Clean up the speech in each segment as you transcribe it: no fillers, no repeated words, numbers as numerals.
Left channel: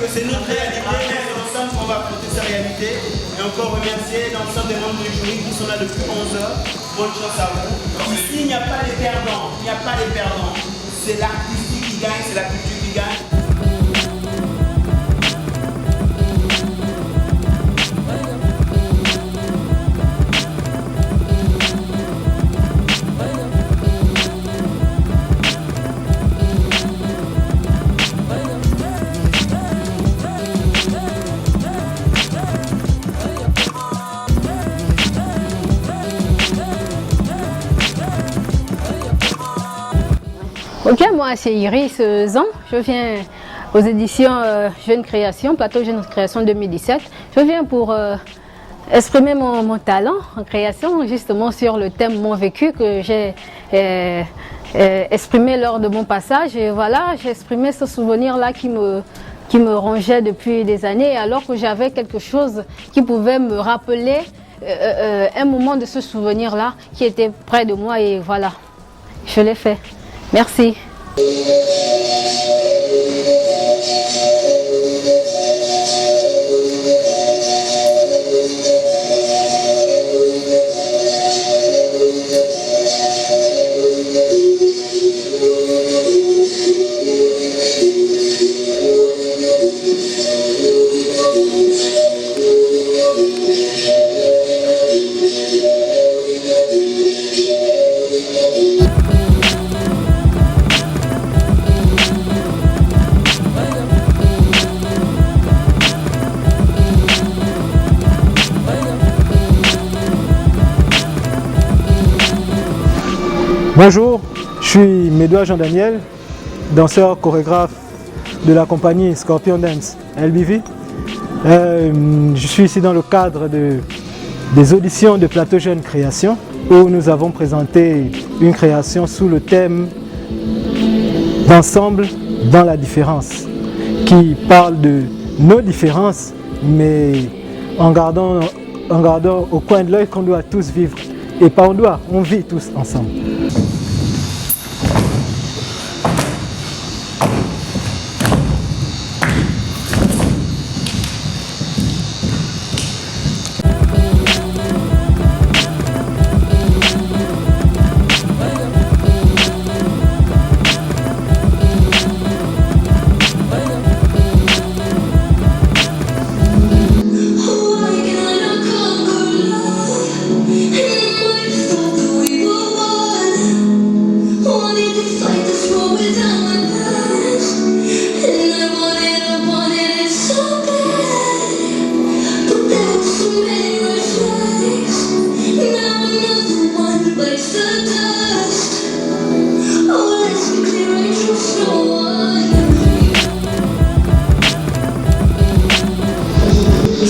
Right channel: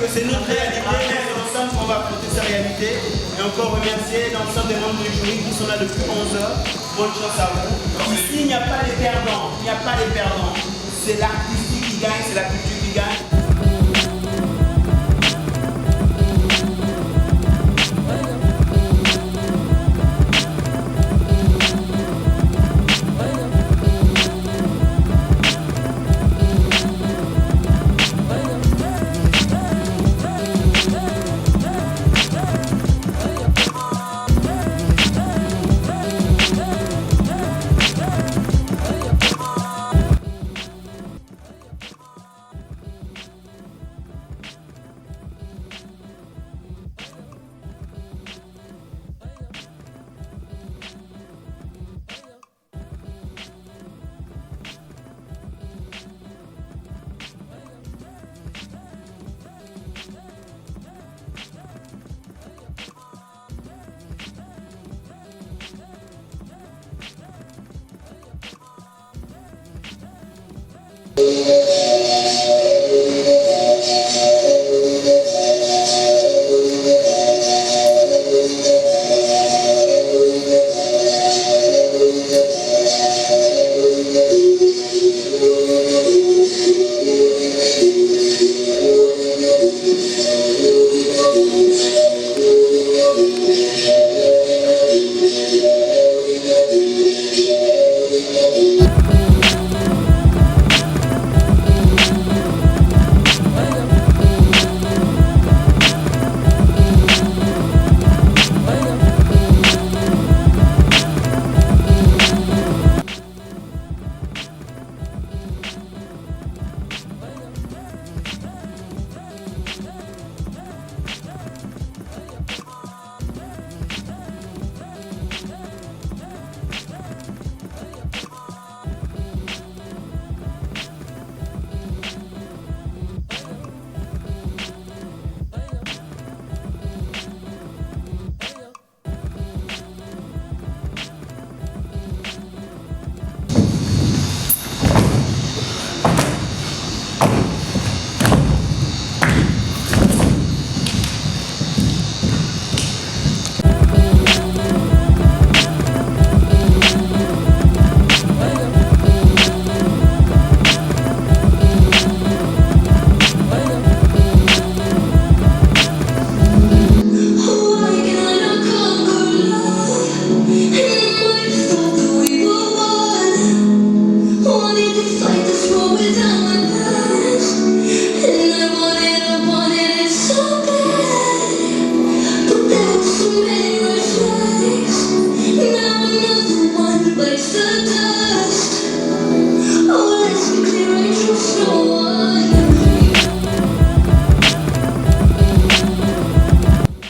que c'est notre réalité, mais c'est ensemble qu'on va affronter sa réalité. Et encore remercier l'ensemble des membres du jury qui sont là depuis 11 heures. Bonne chance à vous. Ici, il n'y a pas les perdants. Il n'y a pas les perdants. C'est l'artistique qui gagne, c'est la culture qui gagne. Ok, moi c'est Iris Zan, je viens aux éditions Jeune Création, Plateau Jeune Création 2017. Je viens pour exprimer mon talent en création, justement sur le thème Mon vécu que j'ai exprimé lors de mon passage. Et voilà, j'ai exprimé ce souvenir-là qui me rongeait depuis des années, alors que j'avais quelque chose qui pouvait me rappeler un moment de ce souvenir-là qui était près de moi, et voilà, je l'ai fait. Merci. Bonjour, je suis Médois Jean-Daniel, danseur chorégraphe de la compagnie Scorpion Dance LBV. Je suis ici dans le cadre des auditions de Plateau Jeune Création où nous avons présenté une création sous le thème d'ensemble dans la différence, qui parle de nos différences, mais en gardant au coin de l'œil qu'on doit tous vivre. Et pas on doit, on vit tous ensemble.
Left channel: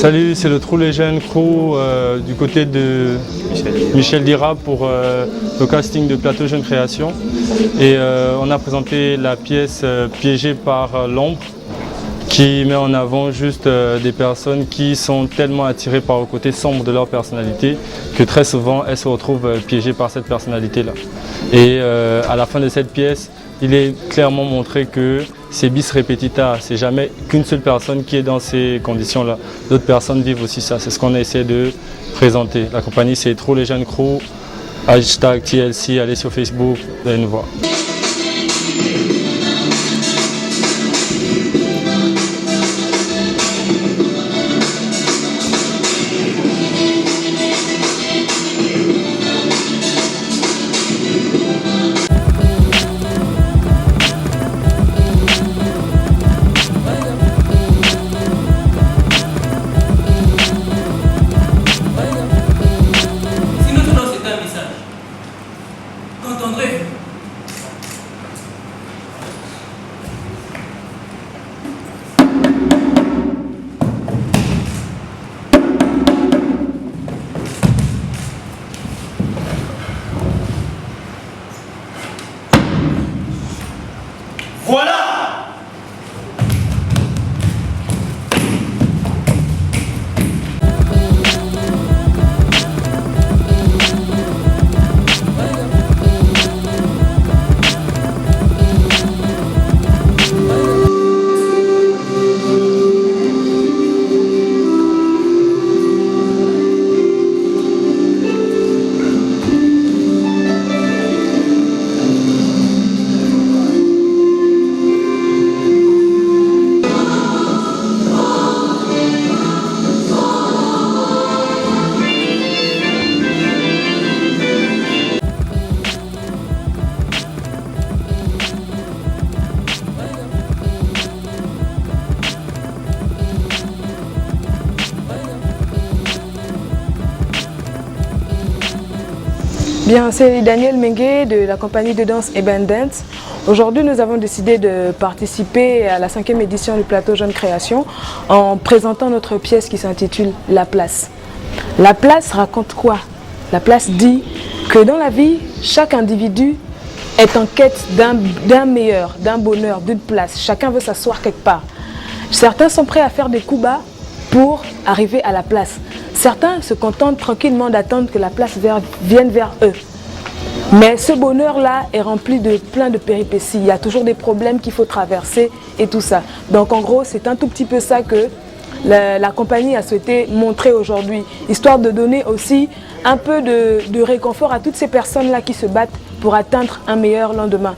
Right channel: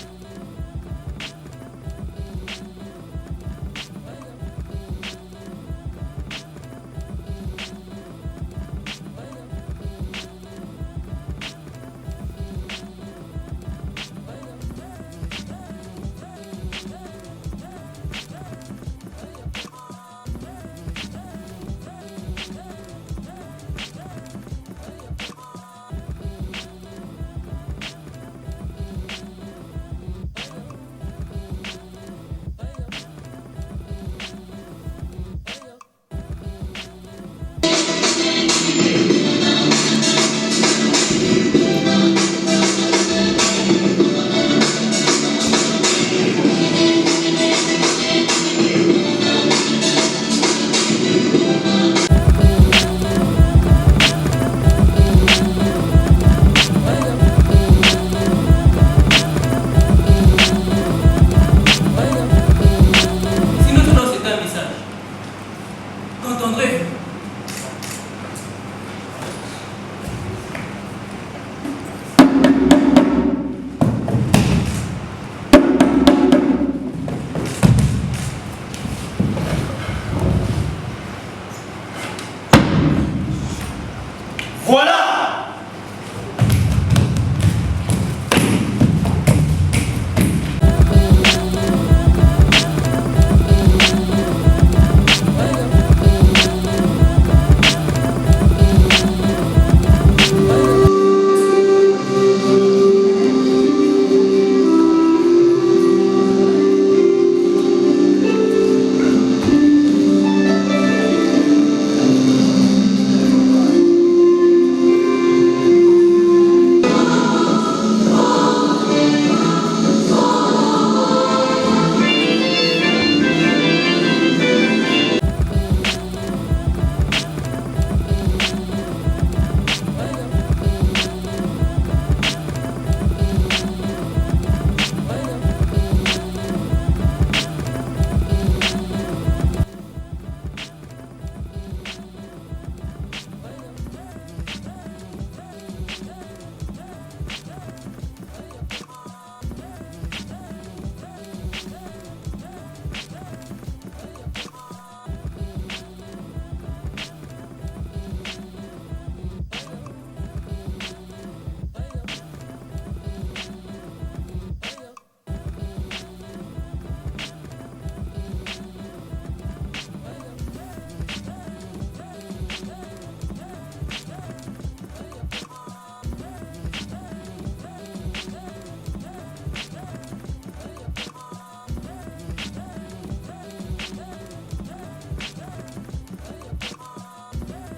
Salut, c'est le Trou les Jeunes Crew du côté de Michel Dira pour le casting de Plateau Jeune Création. Et on a présenté la pièce Piégée par l'ombre, qui met en avant juste des personnes qui sont tellement attirées par le côté sombre de leur personnalité que très souvent elles se retrouvent piégées par cette personnalité-là. Et à la fin de cette pièce, il est clairement montré que c'est bis repetita, c'est jamais qu'une seule personne qui est dans ces conditions-là. D'autres personnes vivent aussi ça, c'est ce qu'on a essayé de présenter. La compagnie c'est Trou les Jeunes Crew, hashtag TLC, allez sur Facebook, vous allez nous voir. Bien, c'est Daniel Mengue de la compagnie de danse Eben Dance. Aujourd'hui, nous avons décidé de participer à la 5e édition du Plateau Jeune Création en présentant notre pièce qui s'intitule La Place. La Place raconte quoi? La Place dit que dans la vie, chaque individu est en quête d'un meilleur, d'un bonheur, d'une place. Chacun veut s'asseoir quelque part. Certains sont prêts à faire des coups bas pour arriver à la place. Certains se contentent tranquillement d'attendre que la place vienne vers eux. Mais ce bonheur-là est rempli de plein de péripéties. Il y a toujours des problèmes qu'il faut traverser et tout ça. Donc en gros, c'est un tout petit peu ça que la compagnie a souhaité montrer aujourd'hui, histoire de donner aussi un peu de réconfort à toutes ces personnes-là qui se battent pour atteindre un meilleur lendemain.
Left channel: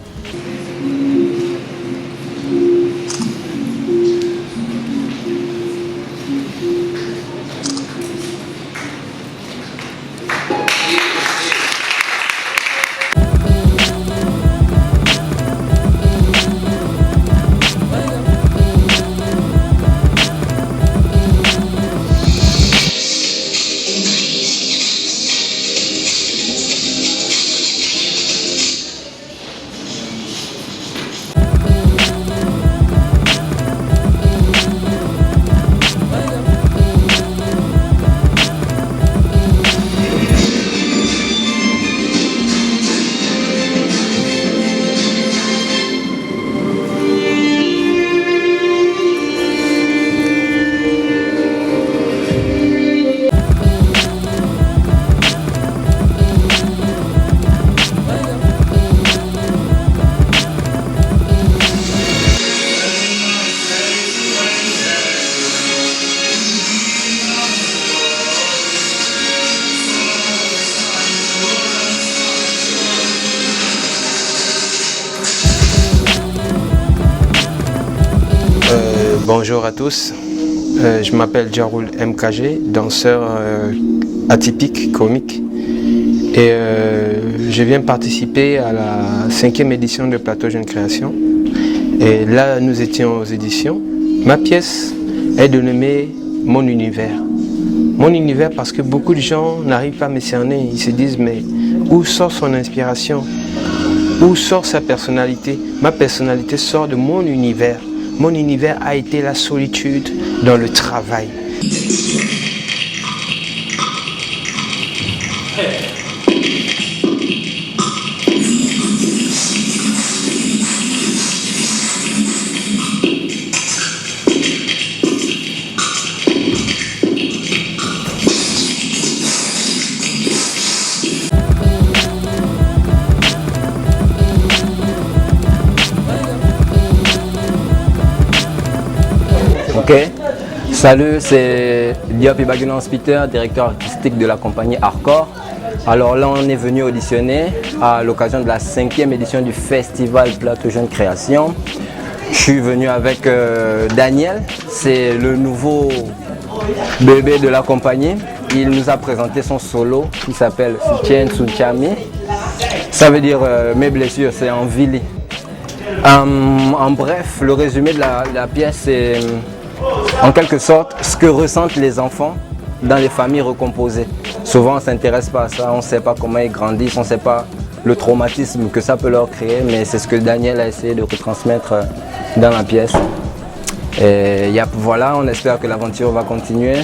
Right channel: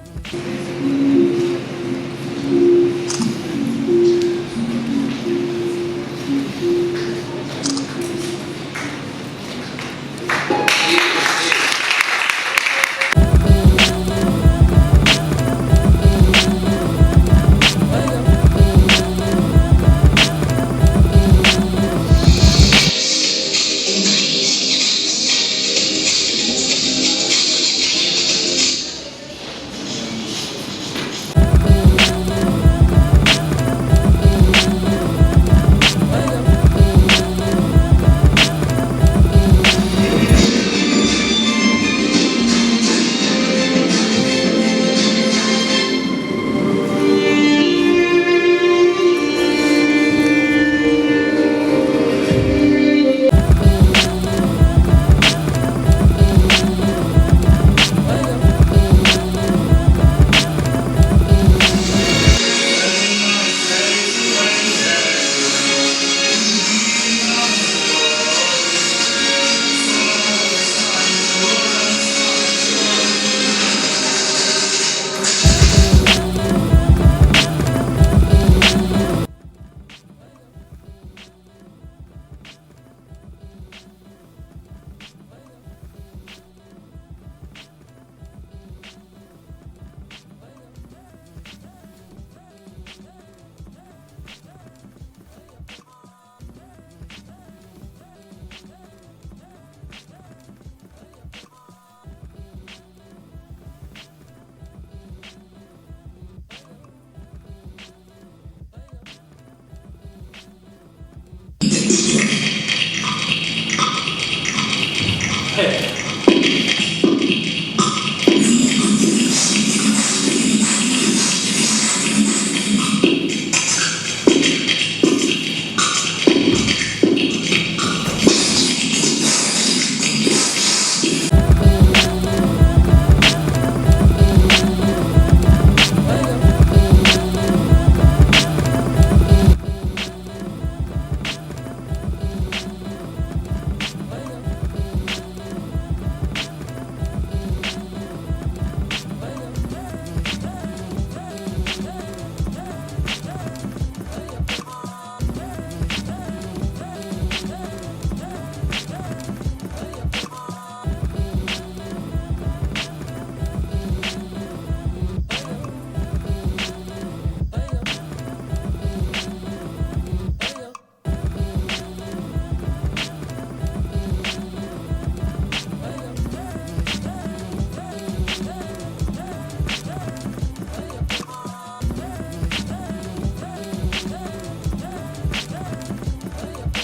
Bonjour à tous, je m'appelle Jaroul MKG, danseur atypique, comique, et je viens participer à la 5e édition de Plateau Jeune Création. Et là, nous étions aux éditions. Ma pièce est dénommée Mon Univers. Mon univers parce que beaucoup de gens n'arrivent pas à me cerner, ils se disent mais où sort son inspiration? Où sort sa personnalité? Ma personnalité sort de mon univers. Mon univers a été la solitude dans le travail. Salut, c'est Diop Ibagunan Peter, directeur artistique de la compagnie Hardcore. Alors là, on est venu auditionner à l'occasion de la 5e édition du festival Plateau Jeune Création. Je suis venu avec Daniel, c'est le nouveau bébé de la compagnie. Il nous a présenté son solo qui s'appelle Soutien Souchami. Ça veut dire mes blessures, c'est en Vili. En bref, le résumé de la pièce, c'est en quelque sorte ce que ressentent les enfants dans les familles recomposées. Souvent on ne s'intéresse pas à ça, on ne sait pas comment ils grandissent, on ne sait pas le traumatisme que ça peut leur créer, mais c'est ce que Daniel a essayé de retransmettre dans la pièce. Et voilà, on espère que l'aventure va continuer.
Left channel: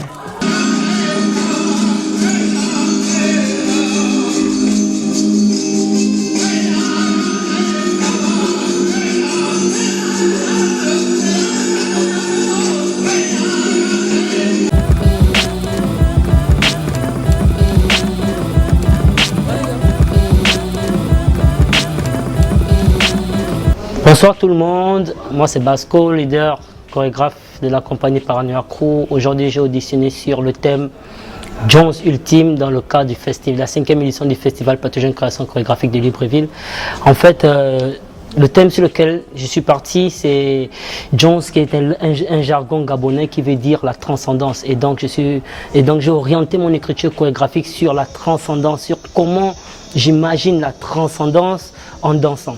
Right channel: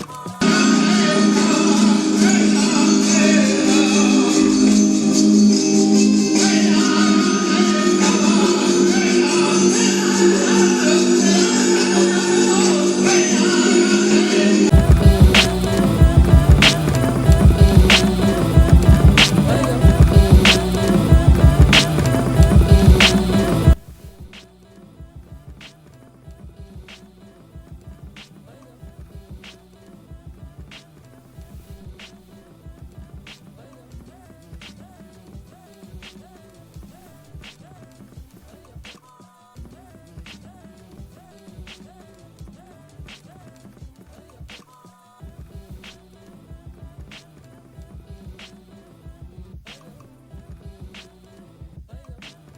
Bonsoir tout le monde, moi c'est Basco, leader chorégraphe de la compagnie Paranoia Crew. Aujourd'hui j'ai auditionné sur le thème Jones Ultime dans le cadre du festival, la 5e édition du festival Plateau Jeune Création chorégraphique de Libreville. En fait, le thème sur lequel je suis parti, c'est Jones, qui est un jargon gabonais qui veut dire la transcendance. Et donc j'ai orienté mon écriture chorégraphique sur la transcendance, sur comment j'imagine la transcendance en dansant.